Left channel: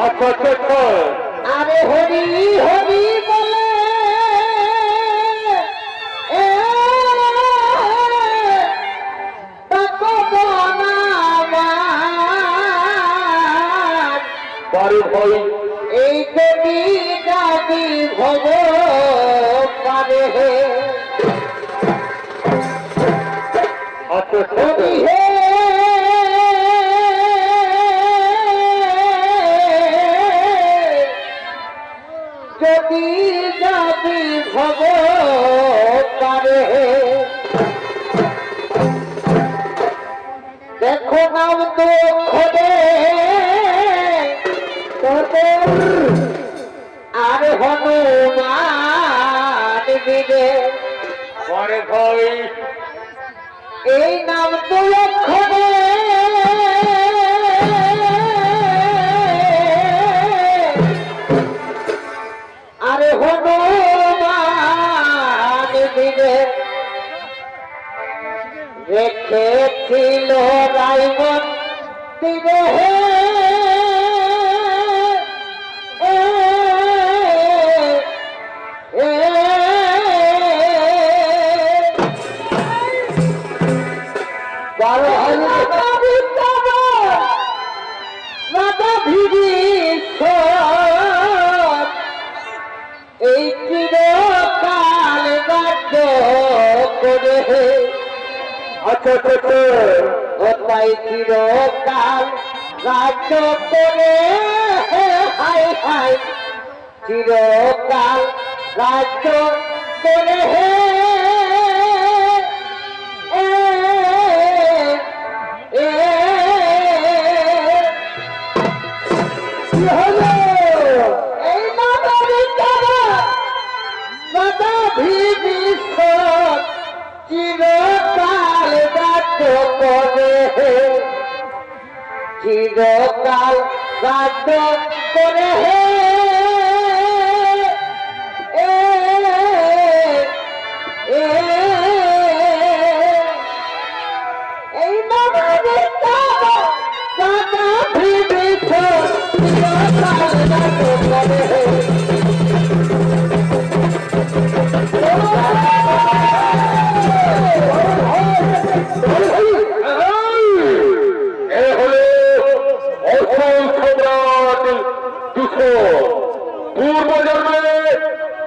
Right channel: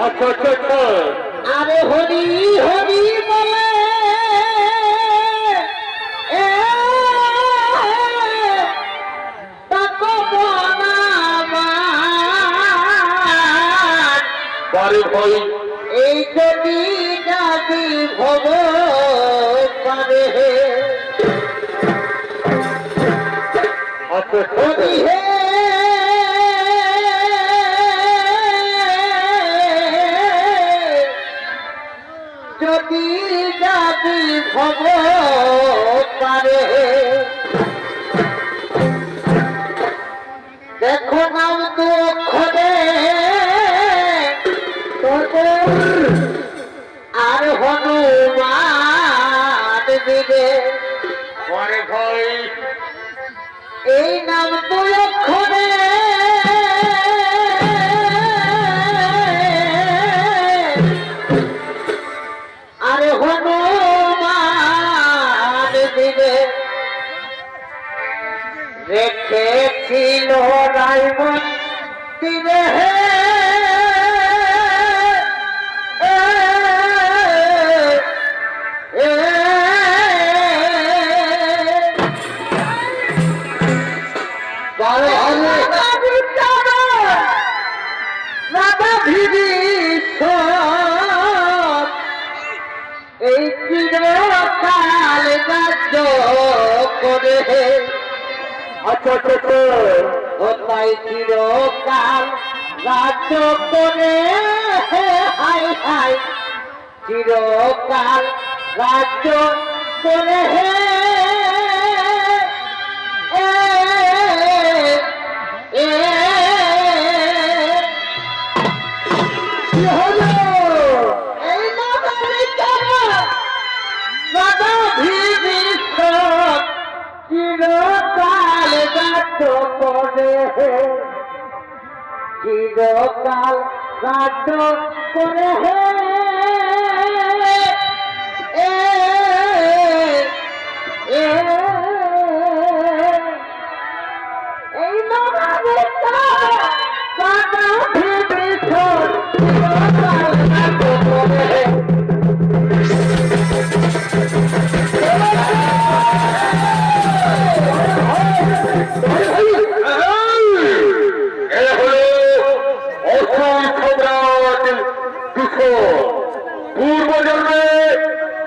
আচ্ছা আচ্ছা আচ্ছা। আরে হরি হরি বলে এ বারে ভাই এই যদি জাতি ভব পারে আচ্ছা হরি হে যদি জাতি ভব পারে দেখো নাম তো অক্ষরে আর হনুমান দিবে বারে ভাই এই নাম তো অক্ষরে আর হনুমান দিবে রেখেছিল রাইমন দিবে এই চিরকাল রাজ্য করে আচ্ছা আচ্ছা আচ্ছা। তাই চিরকাল রাজ্য করে হাই হাই চিরকাল রাজ্য করে এই চিরকাল রাজ্য করে চিরকাল রাজ্য করে এই এ হলো অসুর সম্রাট কিশোর। পূর্ব জন্মে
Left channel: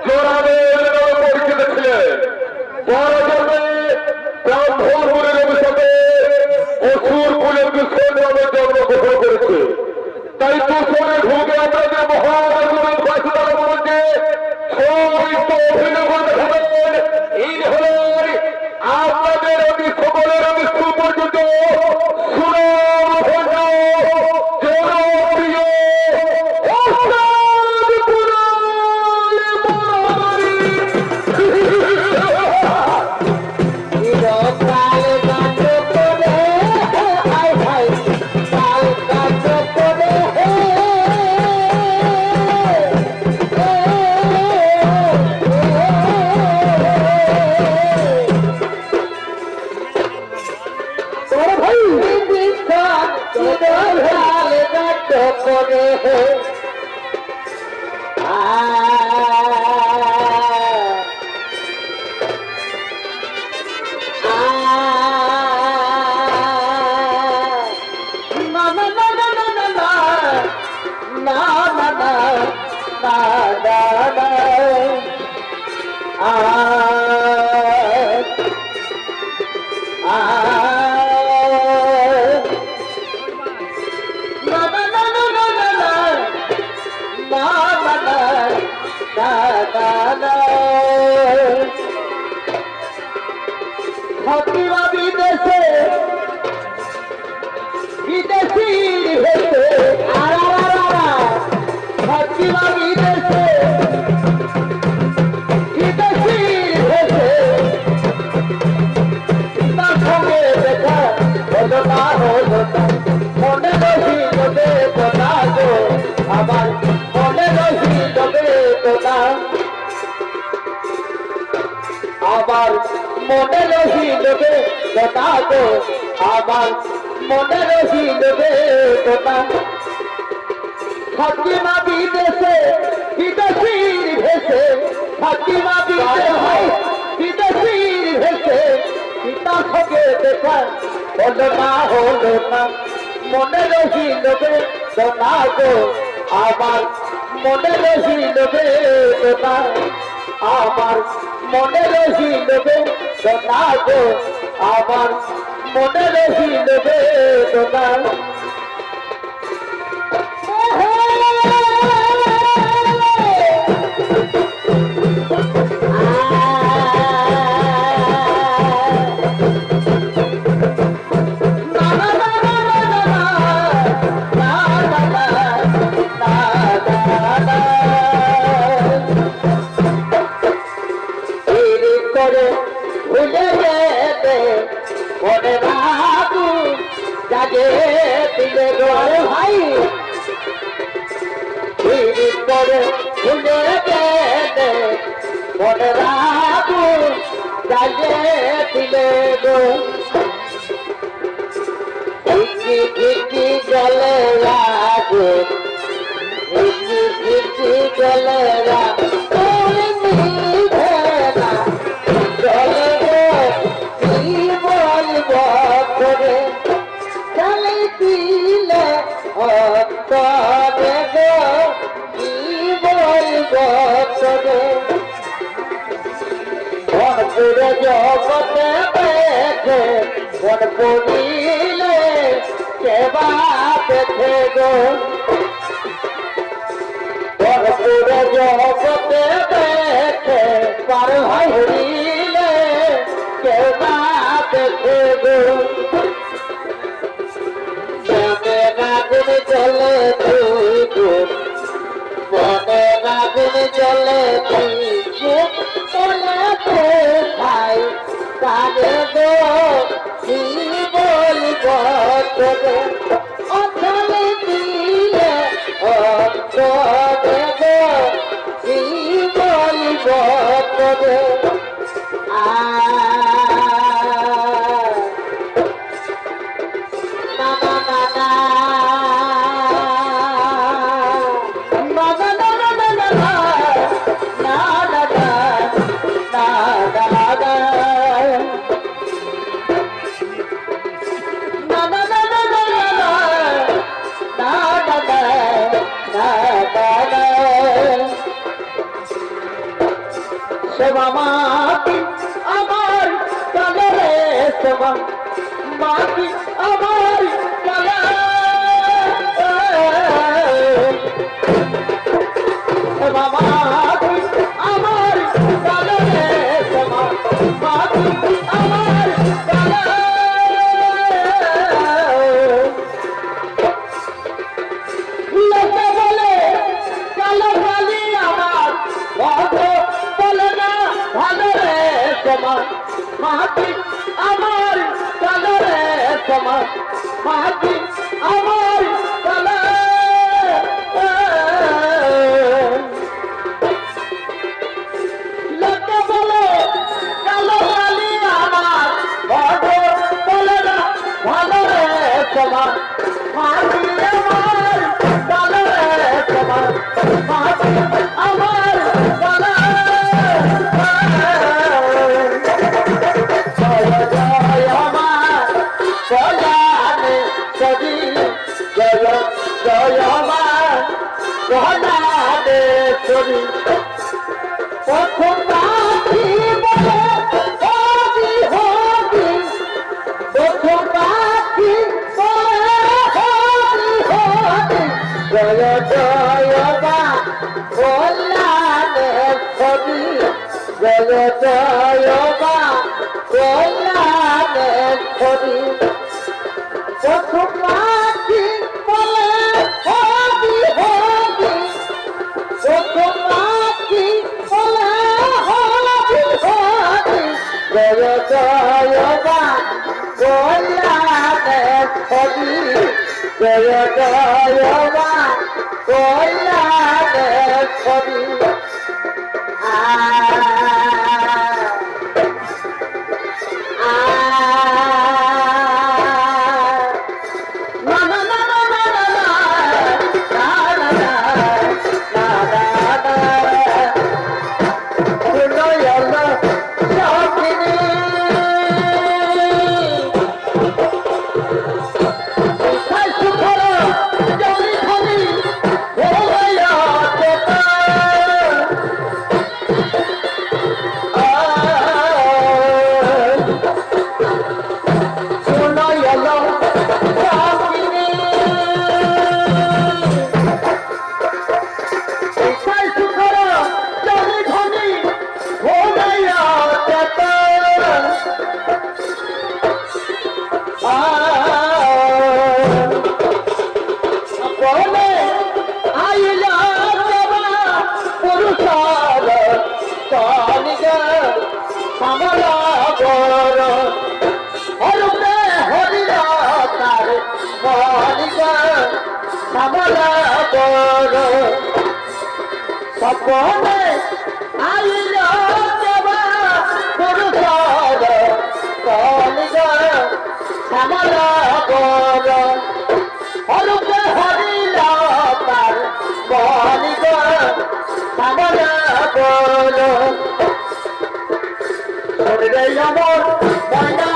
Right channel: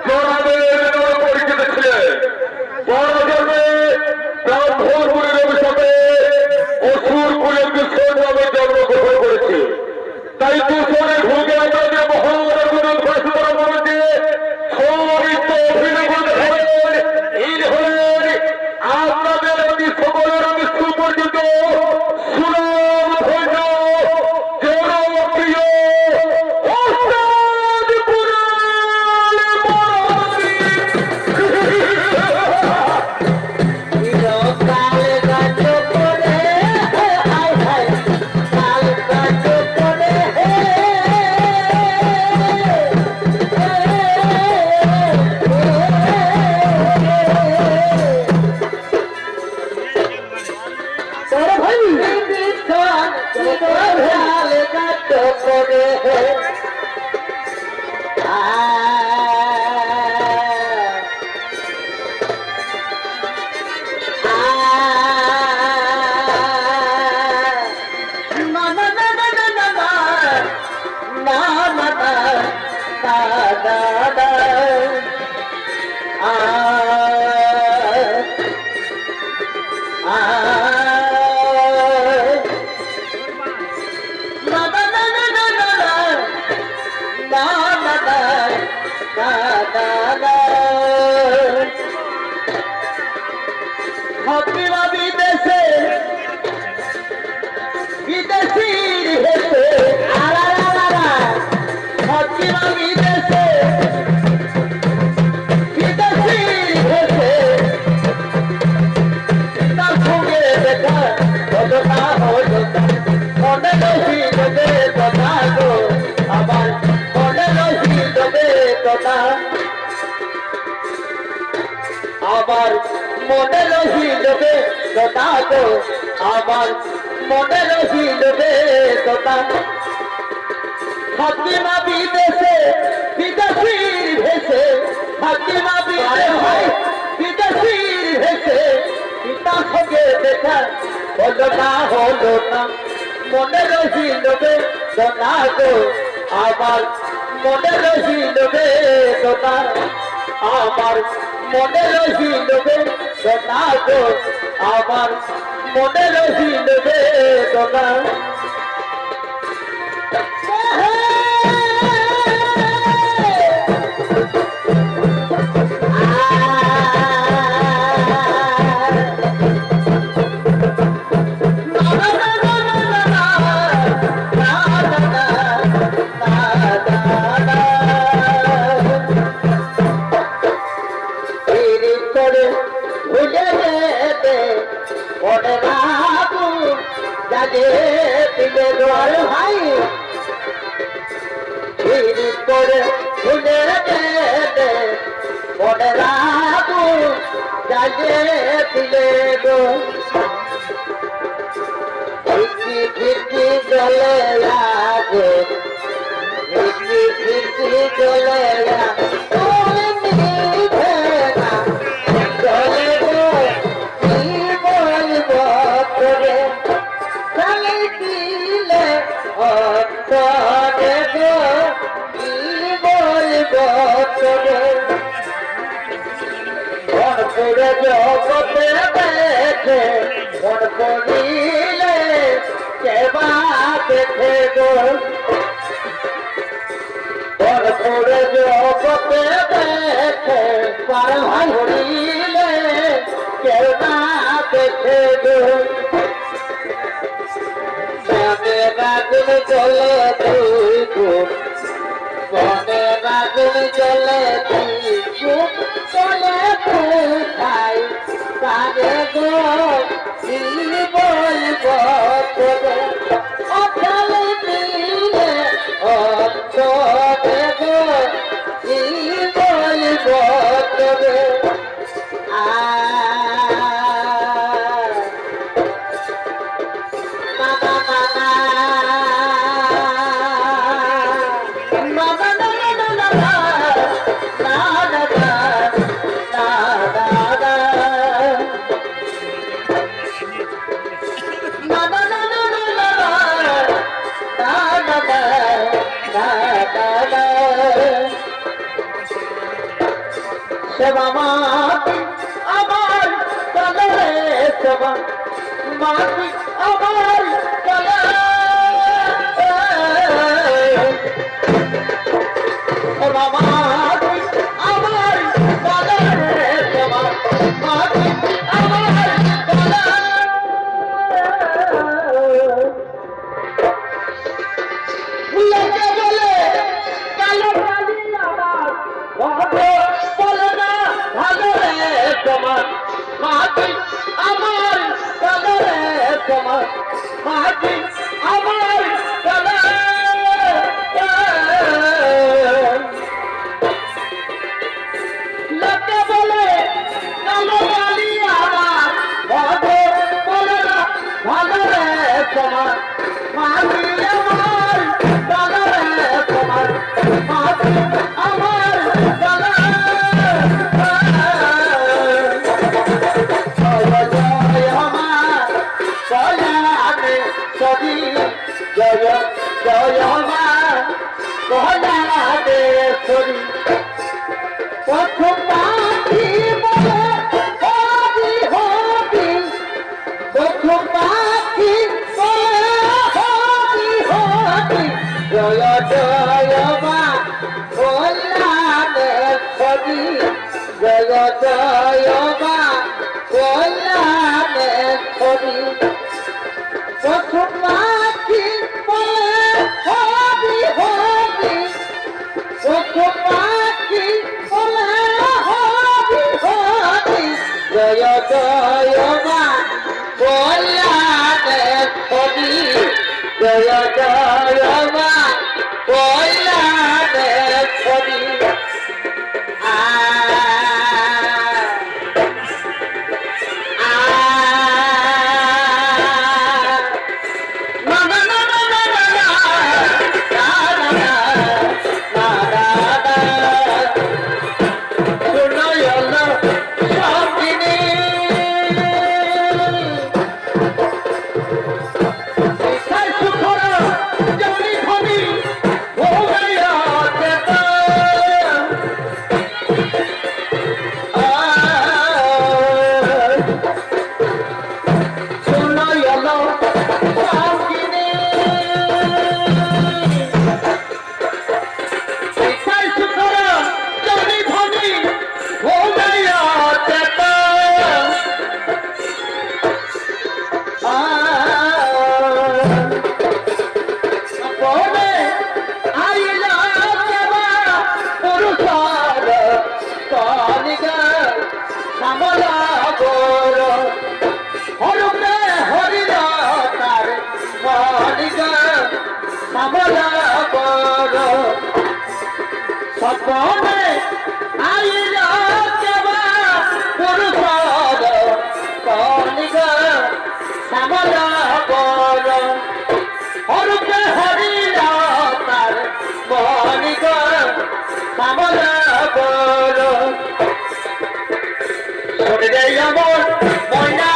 জনাবের নামে পরিচিত ছিলেন। পর জন্মে ব্রাহ্মণপুরের অভিশাপে অসুর কুলের কিশোর নামে জন্মগ্রহণ করেছে। তাই দূষণে ভুগে আমরা যে মহান ফাঁসিদার মধ্যে সবিত অভিনয় ধরেন এই হলেন আপনাদের আমি সকলের মৃত্যু পর্যন্ত সুনাম ধন্য জনপ্রিয় ওস্তাদ কুনাল মনোহরি। চিরকাল রাজ্য করে হাই হাই কাল রাজ্য করে বড় ভাই চিরকাল রাজ্য করে বিদেশে বিদেশির হেসে বিদেশে বিদেশির হেসে তার সঙ্গে দেখা হলো না মনে রহিল বেদনা গো আমার মনে রহিল বেদনা আবার মনে রহিল বেদনা গো আমার মনে রহিল বেদনা ফাতিমা বিদেশে বিদেশির ভেসে ফাতিমা বিদেশির ভেসে পিতা সঙ্গে দেখা হলো না মনে রহিল বেদনা গো আমার মনে রহিল বেদনা আমার মনে রহিল বেদনা গো আমার মনে রহিল বেদনা ভাই পরে ভুলে গেলে মনে রাখু জ্বালিয়ে দিলে গো ঘিটি ঘিটি জলে লাগে ঘিটি ঘিটি জলে জগতে দেখে মন পড়িলে কেবা দেখে গো করে জগতে দেখে পার হইলে কেবা দেখে গো আগুন চলে তুই গুণ মনে আগুন চলে তুই চলে খাই তারে গো কি বলব তোরে অখানে দিলে তোরে গো কি বলব তোরে সেবা মাটি আমার চলে সেবা মাটি আমার চলে সেবা মাটি আমার চলে সেবা মাটি আমার চলে লেগে গেলে কালো কালি আমার ভালো রে তোমার মাটি আমার ভালো রে তোমার মাটি আমার ভালো লোকে বলে কালো কালি আমার ভালো রে তোমার মাটি আমার ভালো রে তোমার মাটি আমার ভালো জয় জয় মা কহলাদেশ্বরী প্রথম পাখি বলে হবি হবি প্রথম পাখি হবি হবি জয় জয় মা কহলাদেশ্বরী জয় জয় মা কহলাদেশ্বরী প্রথম পাখি বলে হবি হবি প্রথম পাখি বলে হবি হবি জয় জয় মা কল্যাণেশ্বরী জয় জয় মা কল্যাণেশ্বরী না মনে আইল কেবা পুরুষর কলিগ শ্যামলা বর অরূপে হরিল তার কলিগ শ্যামলা বর শরীরে আমার ময়না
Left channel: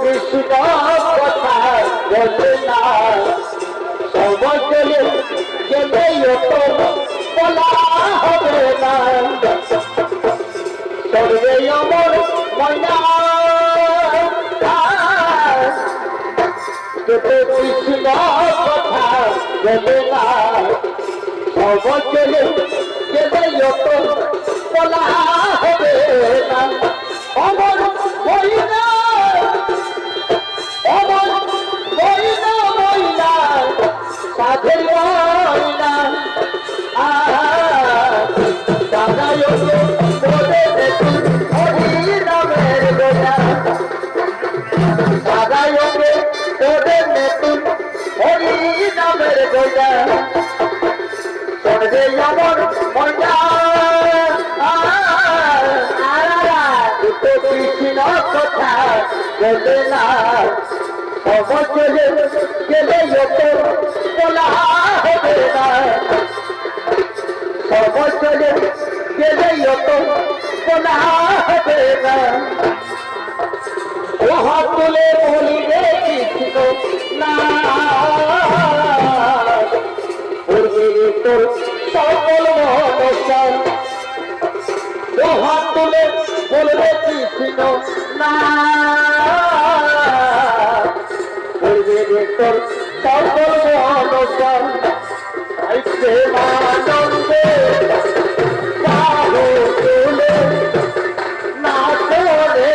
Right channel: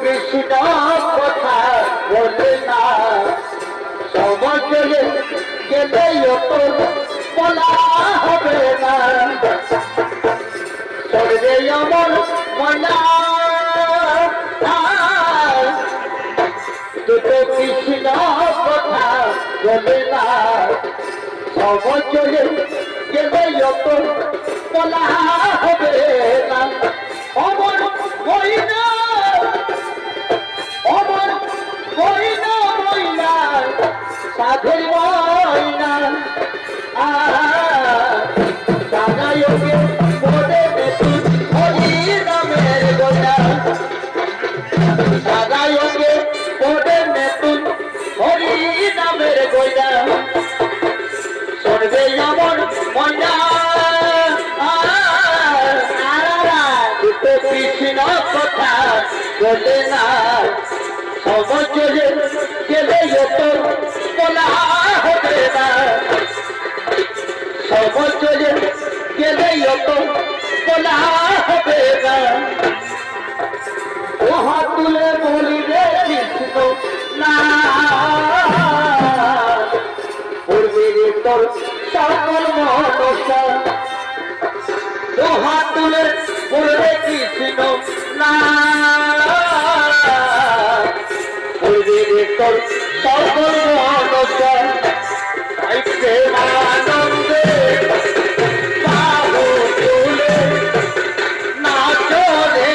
কৃষ্ণ কথা বলে না সময় গেলে বলা হবে না শরীরে আমার ময়না কৃষ্ণ কথা বলে না সময় গেলে বলা হবে না আমার ময়না অমর ময়না ময়না সাধের ময়না দাদায়োগে তোরে দেখি হরি রামের গোয়া দাদায়োগে তোরে দেখি হরি রামের গোয়া সর্বে আমার ময়না কৃষ্ণ কথা বলে না সমচলে গেলে বলা হবে না সমচলে গেলে বলা হবে না ও হাত তুলে বলিবে কৃষ্ণ না তোর সকল মনসা ও হাত তুলে বলবে কৃষ্ণ না তোর সকল মনসা প্রেমানন্দে বাহু তুলে নাচরে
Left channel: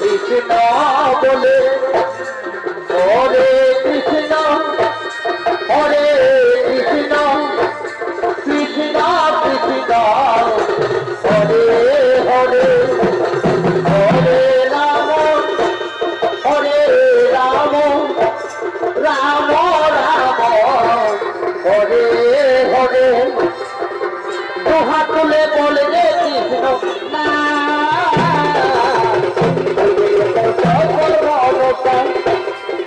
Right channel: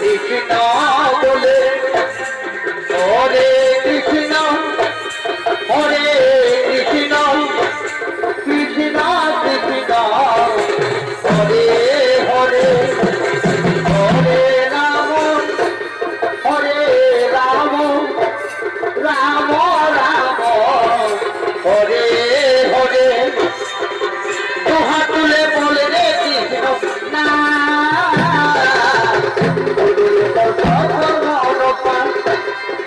কৃষ্ণ বলে হরে কৃষ্ণ হরে কৃষ্ণ কৃষ্ণ কৃষ্ণ হরে হরে হরে রাম রাম রাম হরে হরে দোহা তুলে বলে রে কৃষ্ণ না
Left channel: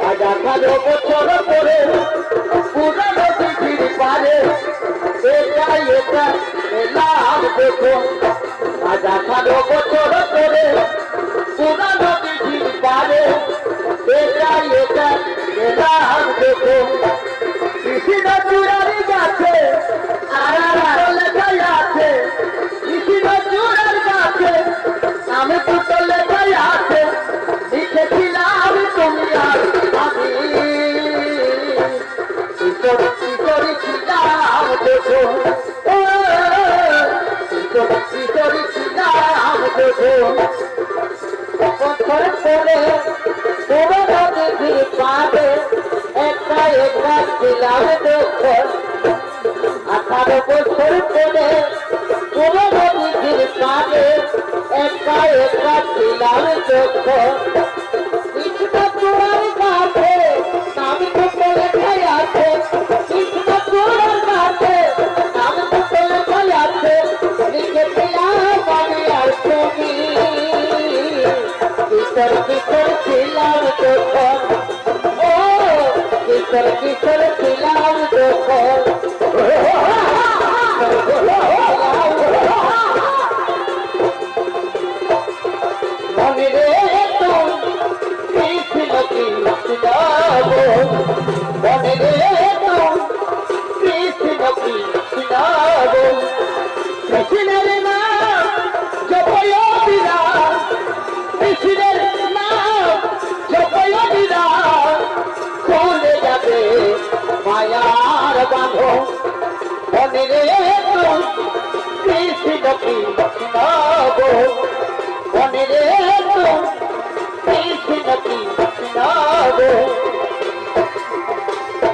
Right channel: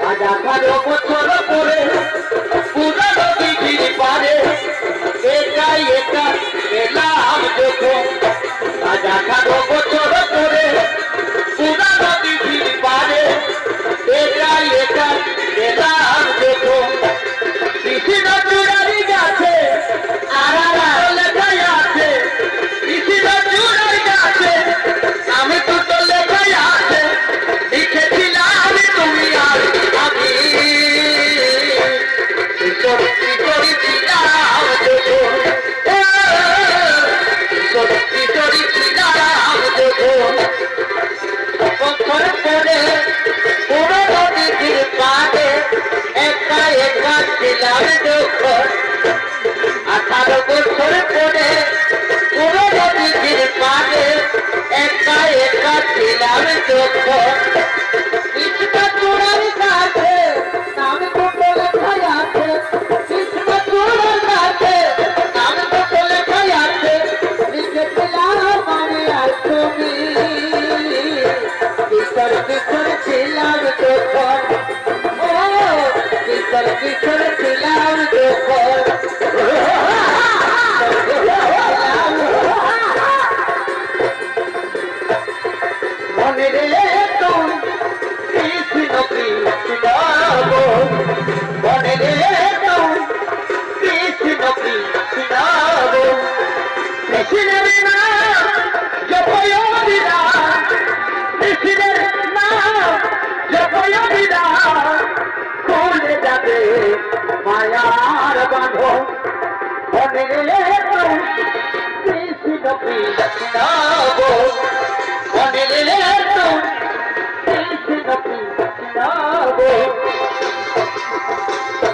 আজাকারো বছর করে পুরানো দিঘির পারে এটাই এটা এলাম দেখো আজাকারো বছর করে পুরানো দিঘির পারে এটাই এটা এলাম দেখো কৃষ্ণ চূড়ারি গাছে আর লেখাই আছে কৃষ্ণ চূড়ারি গাছে আমি দুটো লেখাই আছে লিখেছিলাম তুমি আর আমি কিশোরী ছিলাম দেখো কিশোরী ছিলাম দেখো বছর পরে পুরো দিঘির পাড়ে একা একা ছিলাম দেখো 18 বছর পরে পুরো দিঘির পাড়ে একা একা ছিলাম দেখো কৃষ্ণ চূড়ার কাছে নাম দুটো লেখাই আছে কৃষ্ণ চূড়ার কাছে নাম দুটো লেখাই আছে লিখেছিলাম আমি আর তুমি কিশোর কিশোর ছিলাম যখন ও কিশোর কিশোর ছিলাম যখন মনে রে তো কৃষ্ণ কৃষ্ণ মনে রে তো কৃষ্ণ কৃষ্ণ কৃষ্ণের নাম জপয় বিরাট কৃষ্ণের নাম জপয় বিরাট খুলে যাবে মায়ার বাঁধন মনে রে তো কৃষ্ণ কৃষ্ণ মনে রে তো কৃষ্ণ কৃষ্ণ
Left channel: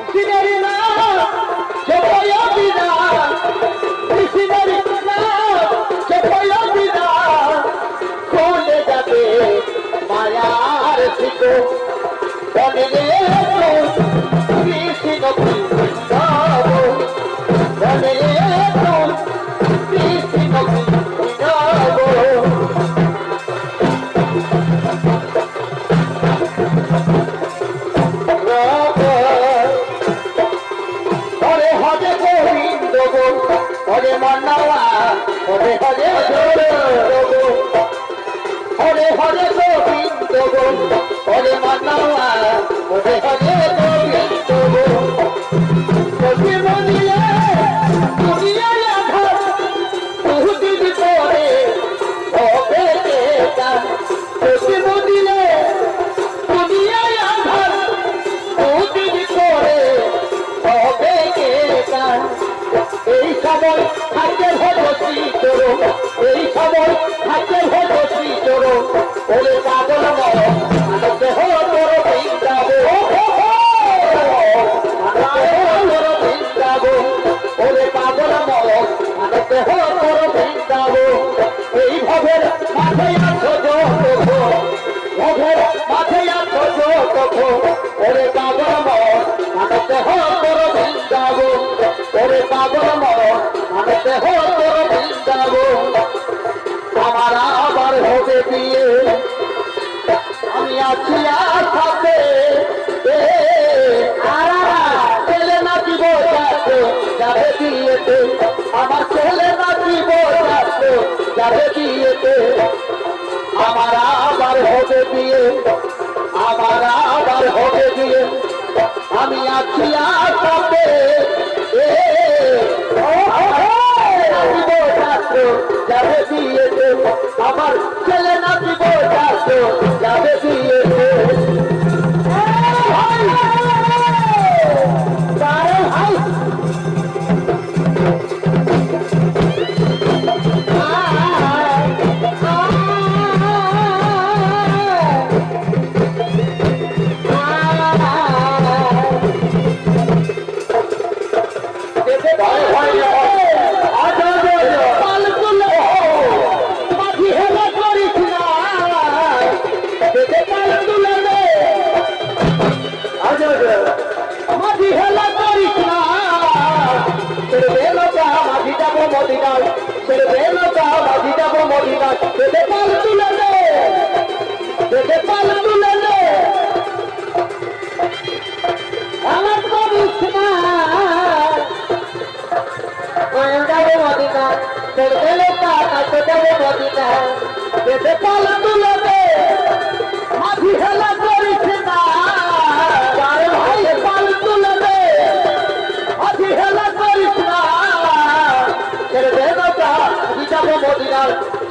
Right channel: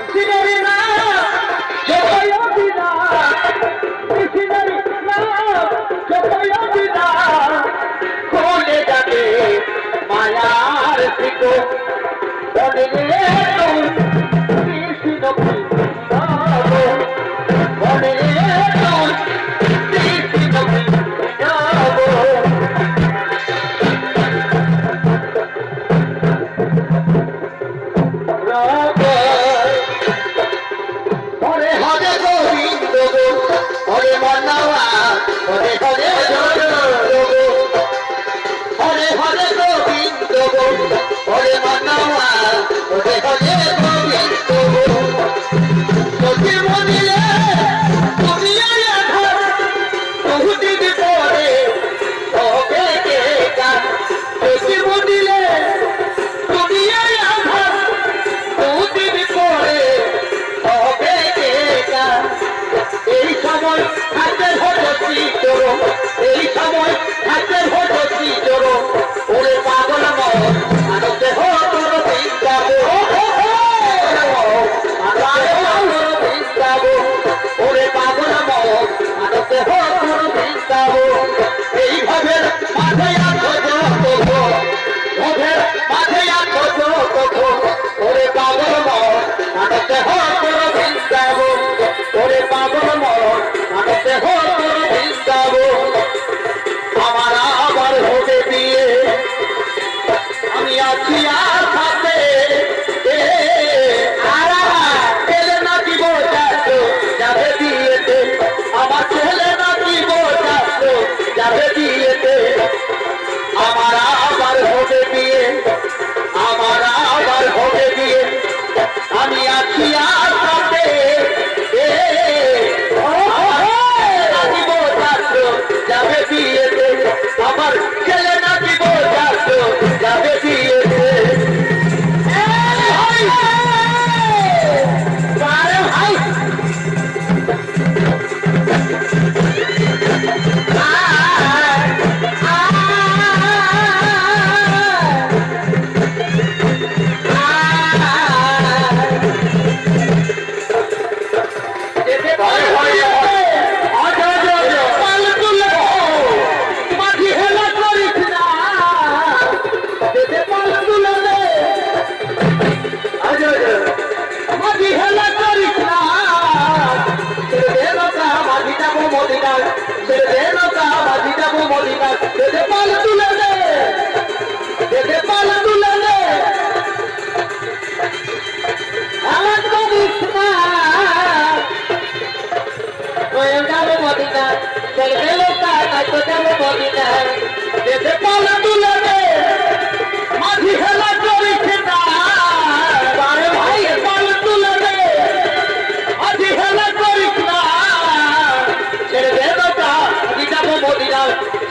কৃষ্ণের নাম জপয় বিরাট কৃষ্ণের নাম জপয় বিরাট খুলে যাবে মায়ার শিকো বনে রে তোর কৃষ্ণ বৃন্দাবন বনে রে তোর কৃষ্ণ বৃন্দাবন হরে হরে গোবিন্দ গো হরে মানবা হরে হরে হরে হরে গোবিন্দ গো হরে মানবা হরে হরে গোবিন্দ গো যদি মনিলে দুনিয়ায় আধার বহুদিন পরে হবে কে গান যদি মনিলে দুনিয়ায় আধার বহুদিন পরে হবে কে গান এই সময় হাতে ভরছি তোর এই সময় হাতে ভরছি তোর ওরে পাগল আনন্দে হো তোর বৃন্দাবন ওরে পাগল আনন্দে হো তোর বৃন্দাবন এইভাবে মাঠে আছো ভবের মাঠে আছো ওরে পাগল আনন্দে হো তোর বৃন্দাবন ওরে পাগল আনন্দে হো তোর বৃন্দাবন আমার আবার হবে বিয়ে আমি আছি আসাতে ছেলে নাকি বোঝাচ্ছ যাবে বিয়েতে আমার ছেলে নাকি বোঝাচ্ছ যাবে বিয়েতে আমার আবার হবে বিয়ে আমার আবার হবে বিয়ে আমি আছি আসাতে নাকি বোঝাচ্ছ যাবে বিয়েতে আমার ছেলে নাকি বোঝাচ্ছ যাবে বিয়েতে ভাই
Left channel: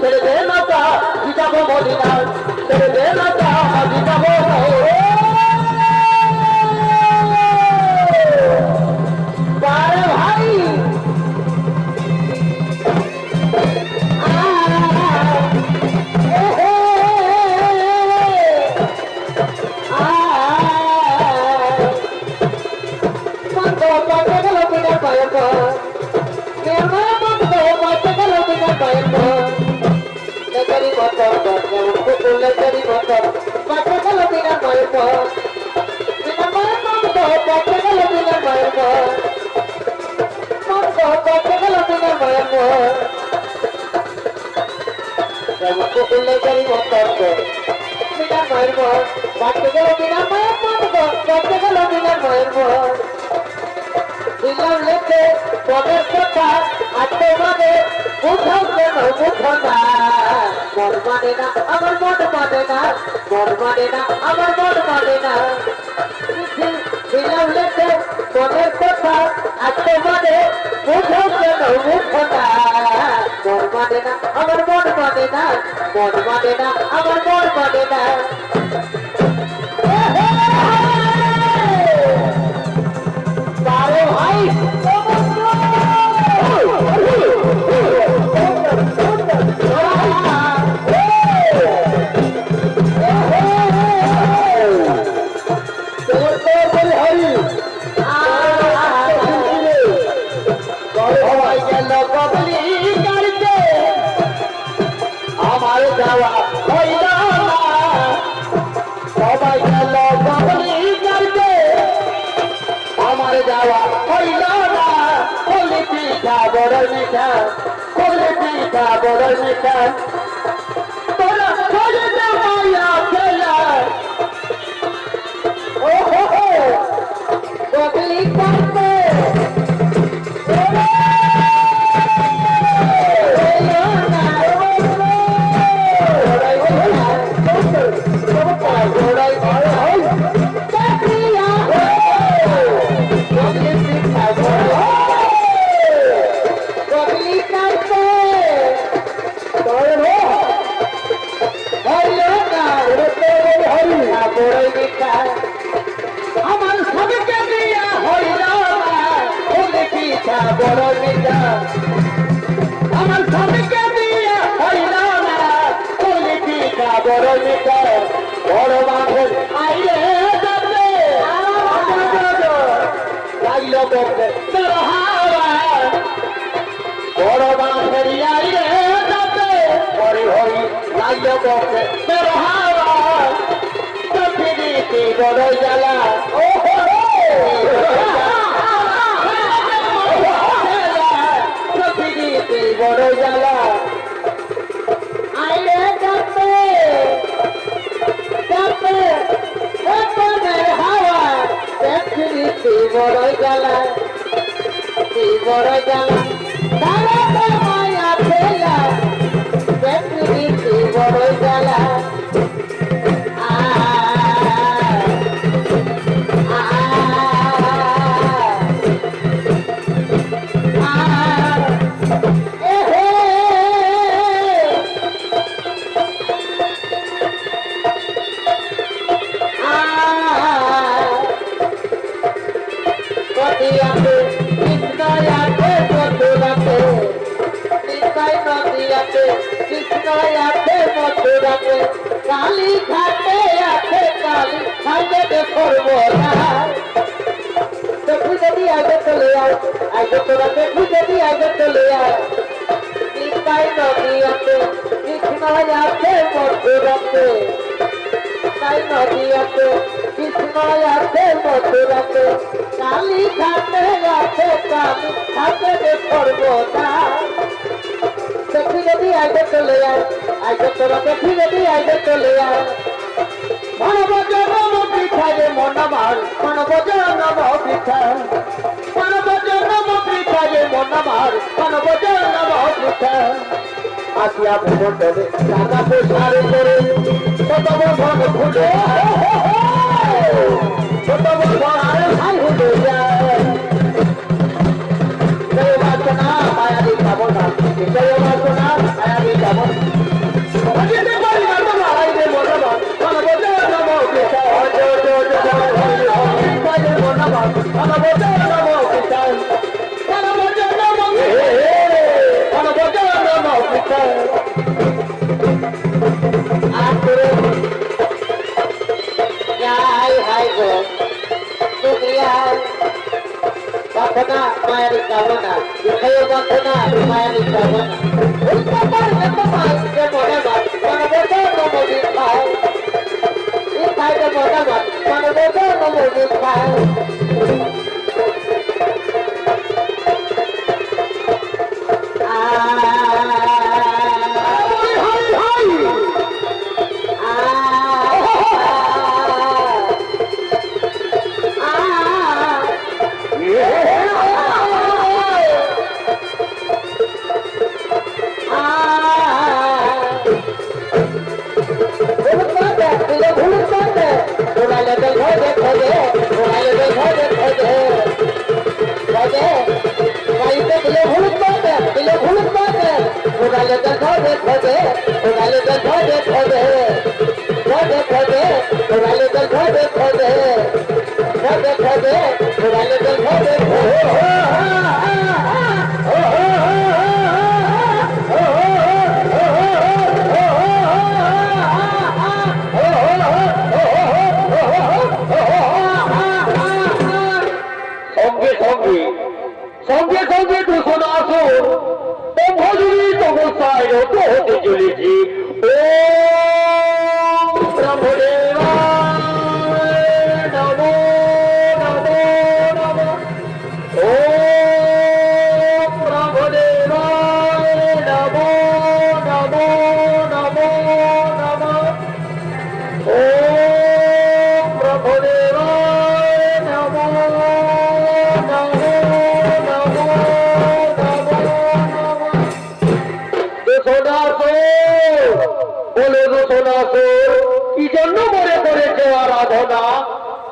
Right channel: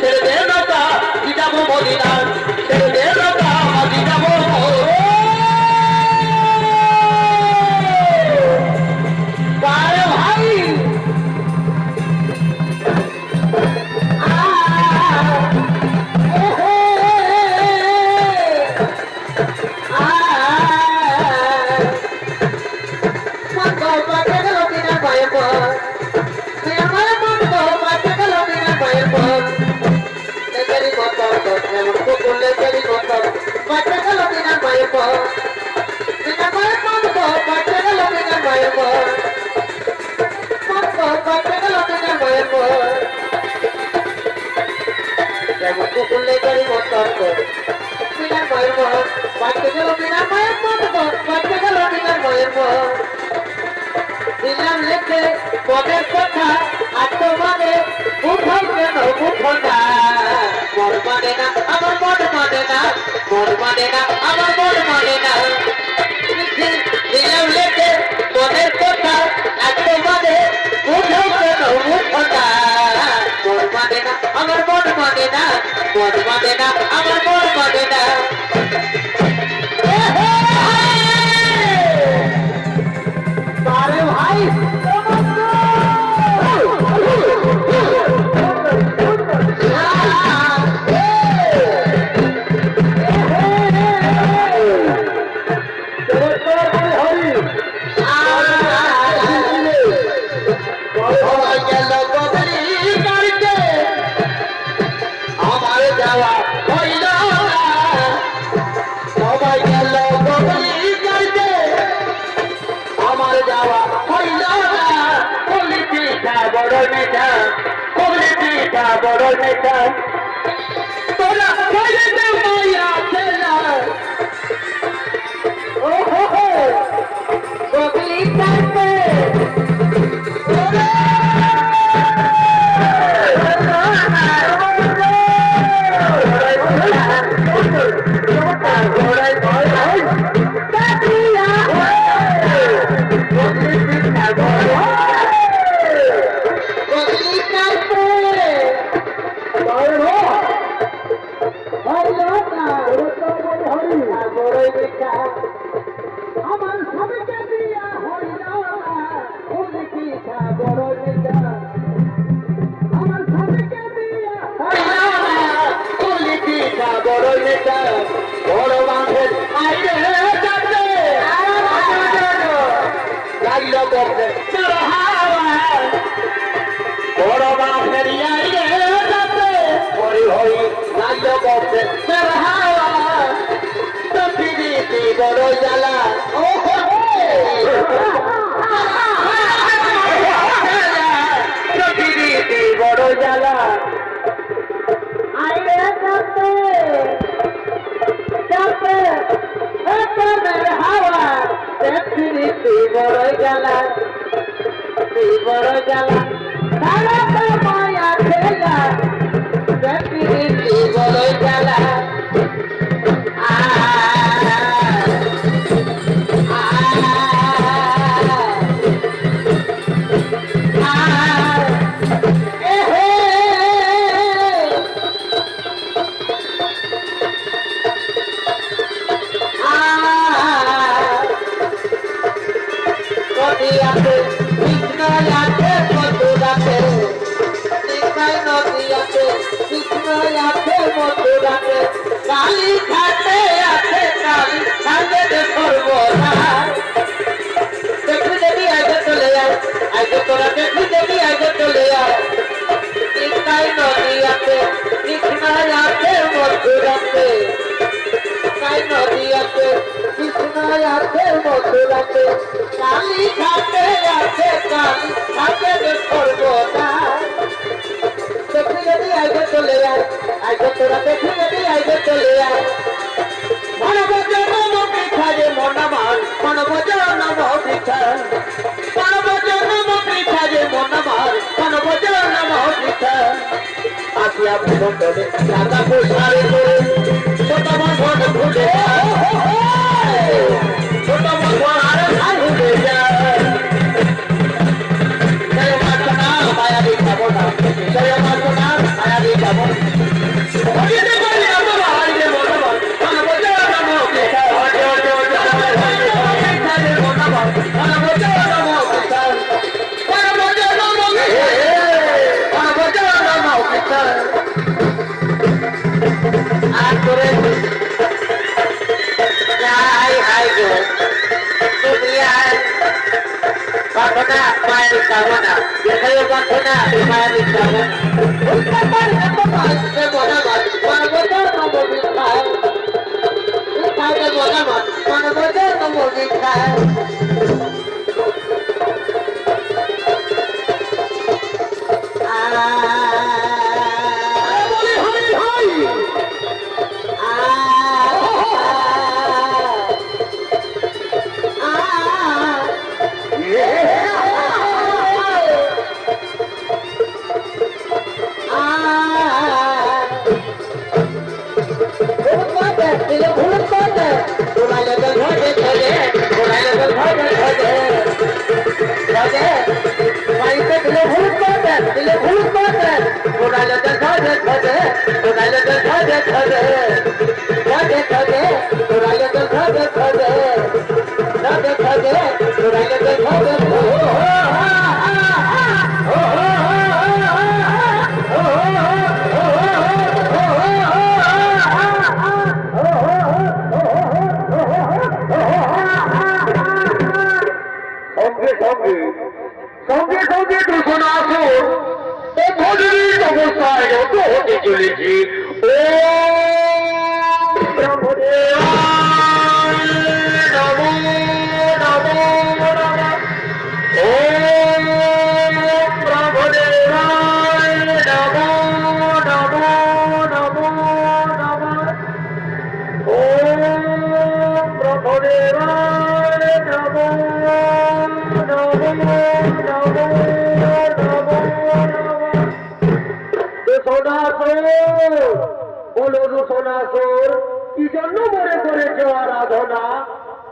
ছেড়ে দে নৌকা যাবো মদিনা ছেড়ে দে নৌকা যাবো ভাই দিলাম লেখে পদের কথা আর তোমাদের উঠো কেন উঠো না মন মানে না আমার মন মানে না মন মানে না আমার মন মানে না দিলাম লেখে পদের কথা আর তোমাদের উঠো কেন উঠো না মন মানে না আমার মন মানে না মন মানে না আমার মন মানে না ভাই বড় মিঠা তোরা খেলেতে মায়া খেলা ও হো হো গগলি কাটে বড় জ্বালা ও বড় জ্বালা আইলে যাবে যাবে যাবে হাওয়া দেখতে বড় জ্বালা বড় জ্বালা দাঁড়াতে মায়া খেলা দেখতে বড় জ্বালা কালী ঘাটে আছে কালী ঘাটে করবো না দেখি দেবী আগে চলে যায় আগে তোরা দেখি দেবী আগে চলে যায় নিতাই নদী আছে কৃষ্ণায় আছে মধুরাতে নিতাই নদী আছে কৃষ্ণায় আছে মধুরাতে কালী ঘাটে আছে কালী ঘাটে করবো না দেখি দেবী আগে চলে যায় আগে তোরা দেখি দেবী আগে চলে যায় মনবজর নম পৃথা রে মন আমার মনবজর নম পৃথা মনবজর নম পৃথা রে মন আমার মনবজর নম পৃথা আসিয়া ভুবনে রাধা প্রসারে করে সতম ধন ভুলে সতম ধন আর ভুলে যায় জয় মাতনা মায়াবী ভাবনা জয় মাতনা মায়াবী ভাবনা Bakuna Mari Kavana, Yukaya Bakuna Mari Kavana. Usta Parga Pamal, the Monaman, Panaboda no Movikai. Ukaya Monaman, Panaboda no Movikai.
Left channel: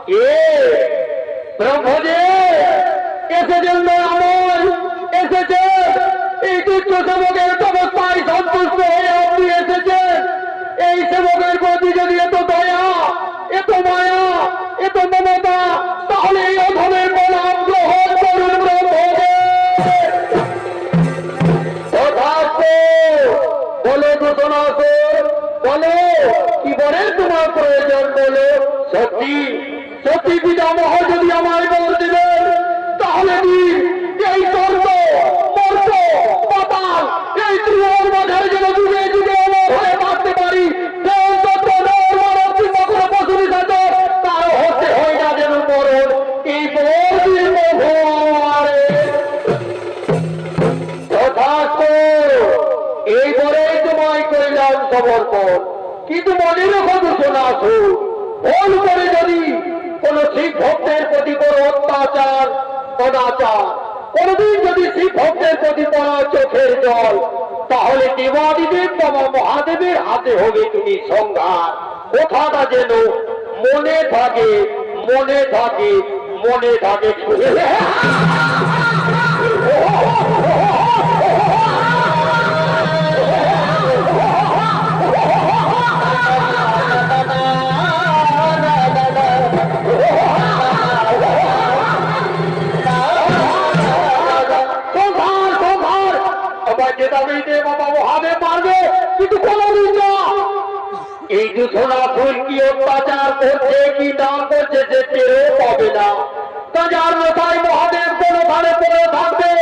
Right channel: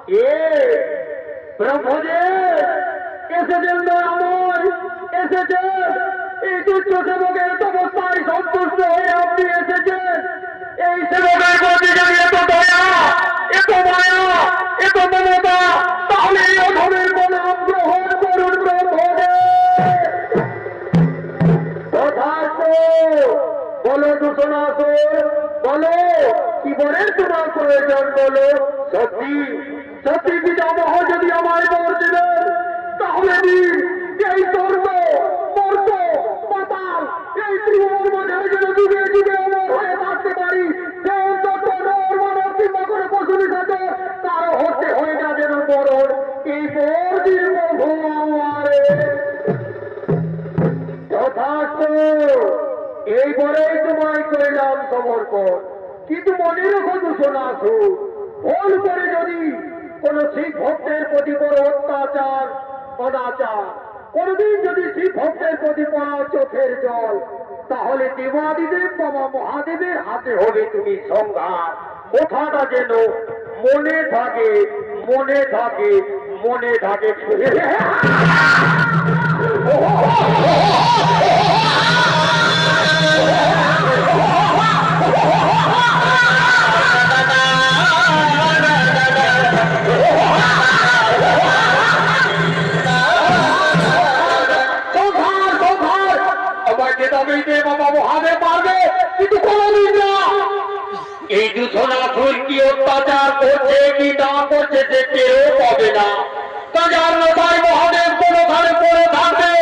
এ প্রভুজে এসেছেন দয়াময়, এসেছে এই তুচ্ছ সেবকের তপস্যায় সন্তুষ্ট হয়ে আপনি এসেছেন। এই সেবকের প্রতি যদি এত দয়া, এত মায়া, এত মমতা, তাহলে এই অধমের প্রণাম গ্রহণ করুন প্রভুজে। তথাস্তু। বলো দূষণাসুর, বলো কি বলে তোমার প্রয়োজন বলো। সত্যি সত্যি পিতামহ যদি আমায় বল দেবেন, তাহলে দিন এই কর্ম মর্ত পাতাল এই ত্রিভুবন মাঝারে যেন যুগে যুগে অমর হয়ে বাঁচতে পারি। সেই তত্ত্ব নর মানব কিংবা কোনো পশুর সাথে তার হতে হয় না যেন মরণ। এই বর্দির মহারে তথাস্তু। এই বলেই তোমায় করিলাম সমর্পণ। কিন্তু মনে রেখো দূষণাসুর, ভুল করে যদি কোন শিব ভক্তের প্রতি বড় অত্যাচার অনাচার, কোনদিন যদি শিব ভক্তের প্রতি পড়া চোখের জল, তাহলে দেবাদিদেব বাবা মহাদেবের হাতে হবে তুমি সংঘাত। কথাটা যেন মনে থাকে, মনে থাকে, মনে থাকে। এই দূষণাসুর কি অত্যাচার করছে কি না করছে সে টেরও পাবে না। তাজার মাথায় মহাদেব কোন ধারে পড়ে থাকবে।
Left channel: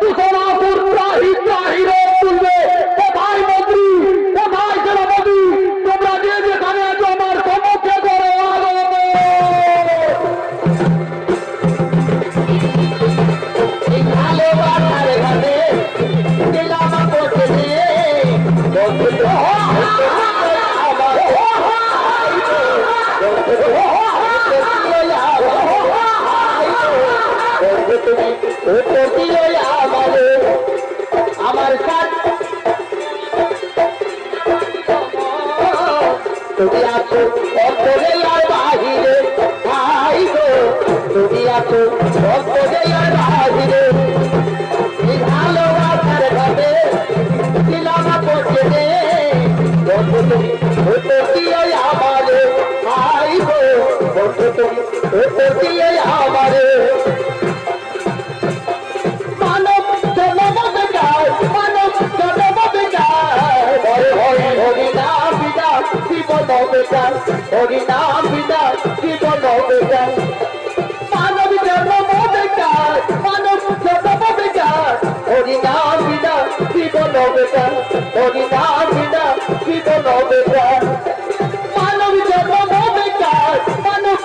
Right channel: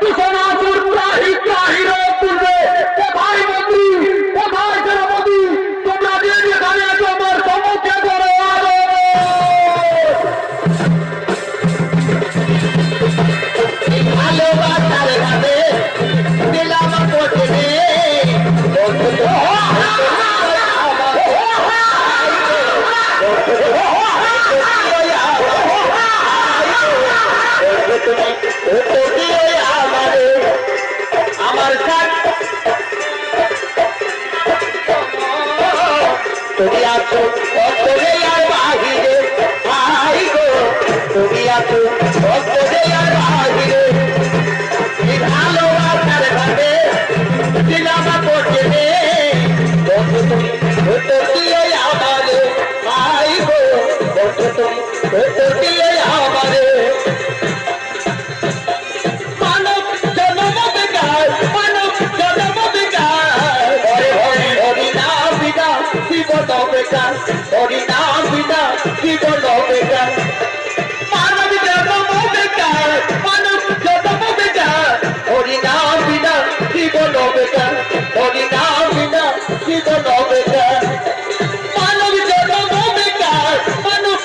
দূষণাসুর ত্রাহি ত্রাহি রোগ তুলবে। কোথায় মন্ত্রী, কোথায় সেনাপতি, তোমরা যে যেখানে আছো আমার সম্মুখে করো ভালোবাসার ভাবে দিলাম কোটে আমার তুমি আছো অন্তরে আর বাহিরে, ভাই গো তুমি আছো অন্তরে আর বাহিরে। এই ভালোবাসার ভাবে দিলাম কোটে বন্ধু তুমি হতো কি ওই আমারে, ভাই গো বন্ধু তুমি হতো কি ওই আমারে। মানব জনম বেকার, মানব জনম বেকার, হরি নাম বিনা জীবন বেকার, হরি নাম বিনা জীবন বেকার। মানব জনম বেকার, মানব জনম বেকার, হরি নাম বিনা জীবন বেকার, হরি নাম বিনা জীবন বেকার। মানব জনম বেকার, মানব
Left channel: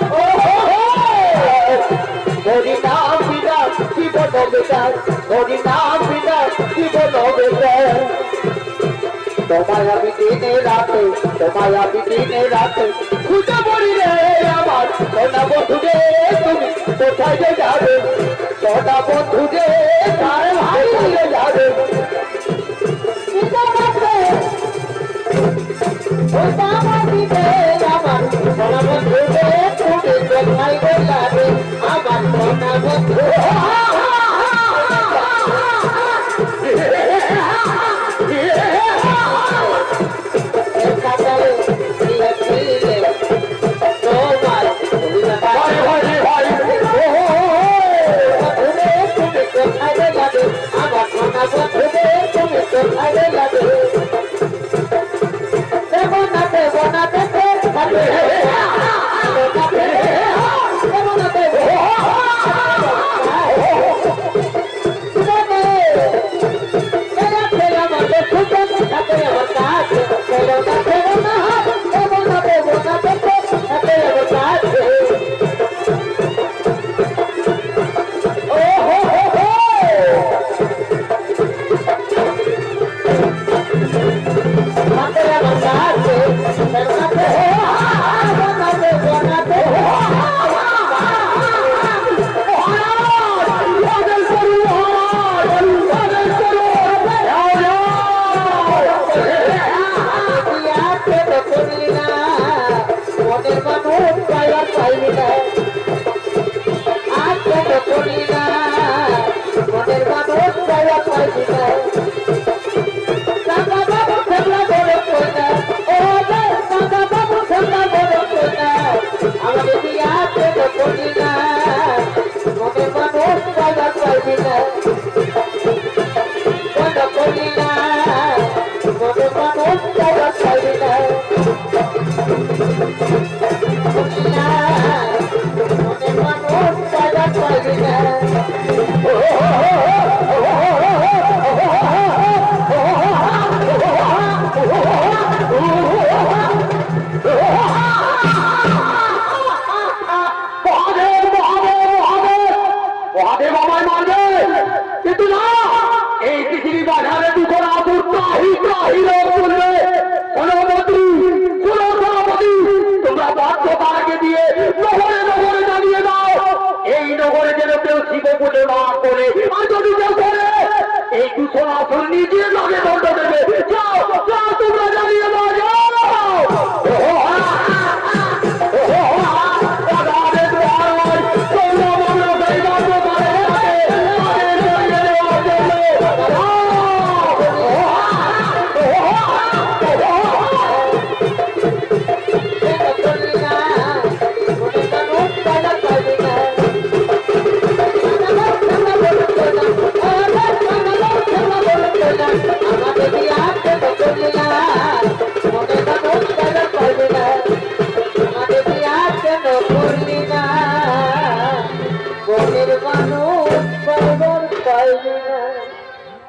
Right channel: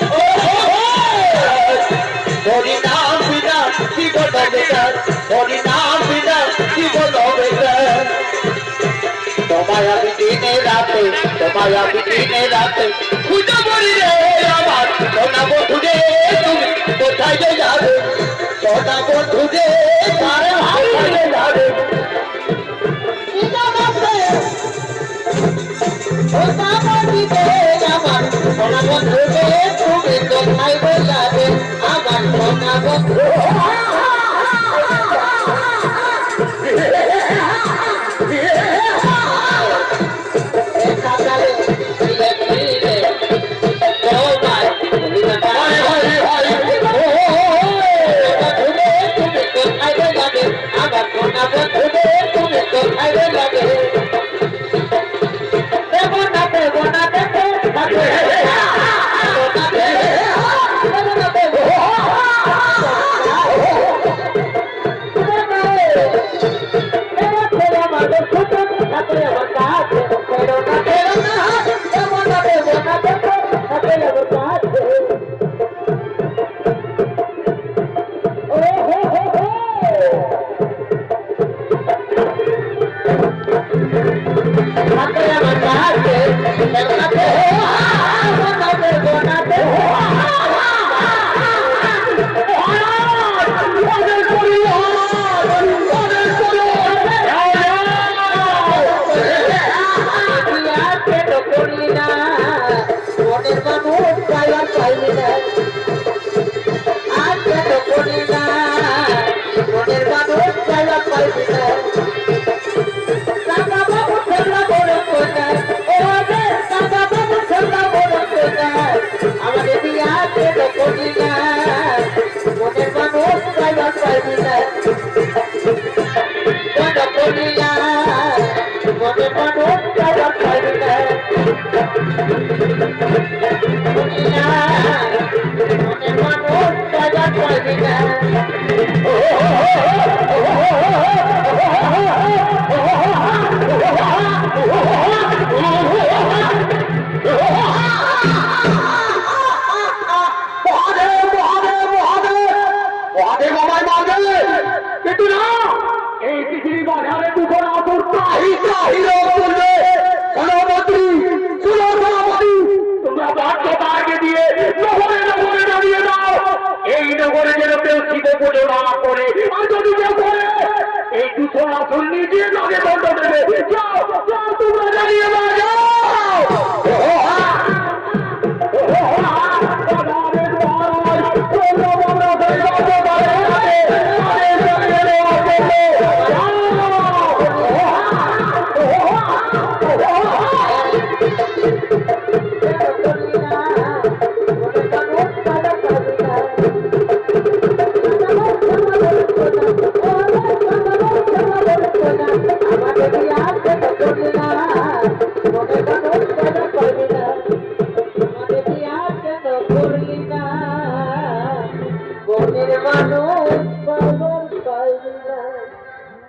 হরি নাম বিনা জীবন বেকার, হরি নাম বিনা জীবন বেকার। তোমায় আমি দিনে রাতে, তোমায় আমি দিনে রাতে খুঁজে পড়ি রে আমার সোনা বন্ধু রে, তুমি কোথায় যে যাবে সোনা বন্ধু রে, কোথায় যে যাবে। আমার সোনা বন্ধু রে, তুমি কোথায় যে যাবে আমার সোনা বন্ধু। আমাদের বিয়াতে তো করলি না মনের মানুষ জায়গা পাইবি না বন্ধ করলি না মনের মানুষ জায়গা পাইবি না করলি না মনের মানুষ জায়গা পাইবি না মহাদেব আমায় মারবে কিন্তু না এই পৃথিবী বাজারে দুটো আসুর তাহি তাহি রোগ চলবে সভাপতি সভাপতি তোমরা বাধ্য তাকে দিয়ে নগরে নগরে জানিয়ে দাও এই নগরে যেন কেউ শিব পুজো না করে আর যদি কেউ করে এই দুটো আসুর নিজে লগে দণ্ড দেবে যাও যাও তোমরা জানিয়ে দাও যাও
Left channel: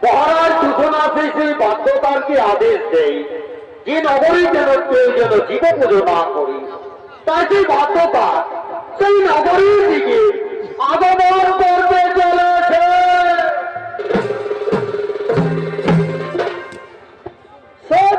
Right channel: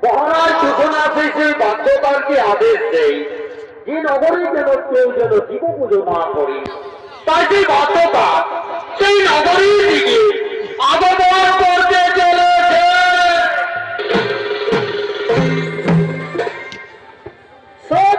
মহারাজ সূচনা সেই বাধ্যতারকে আদেশ দেয় যে নগরী যেন কেউ যেন জীব পুজো না করি তাই সেই বাধ্যতা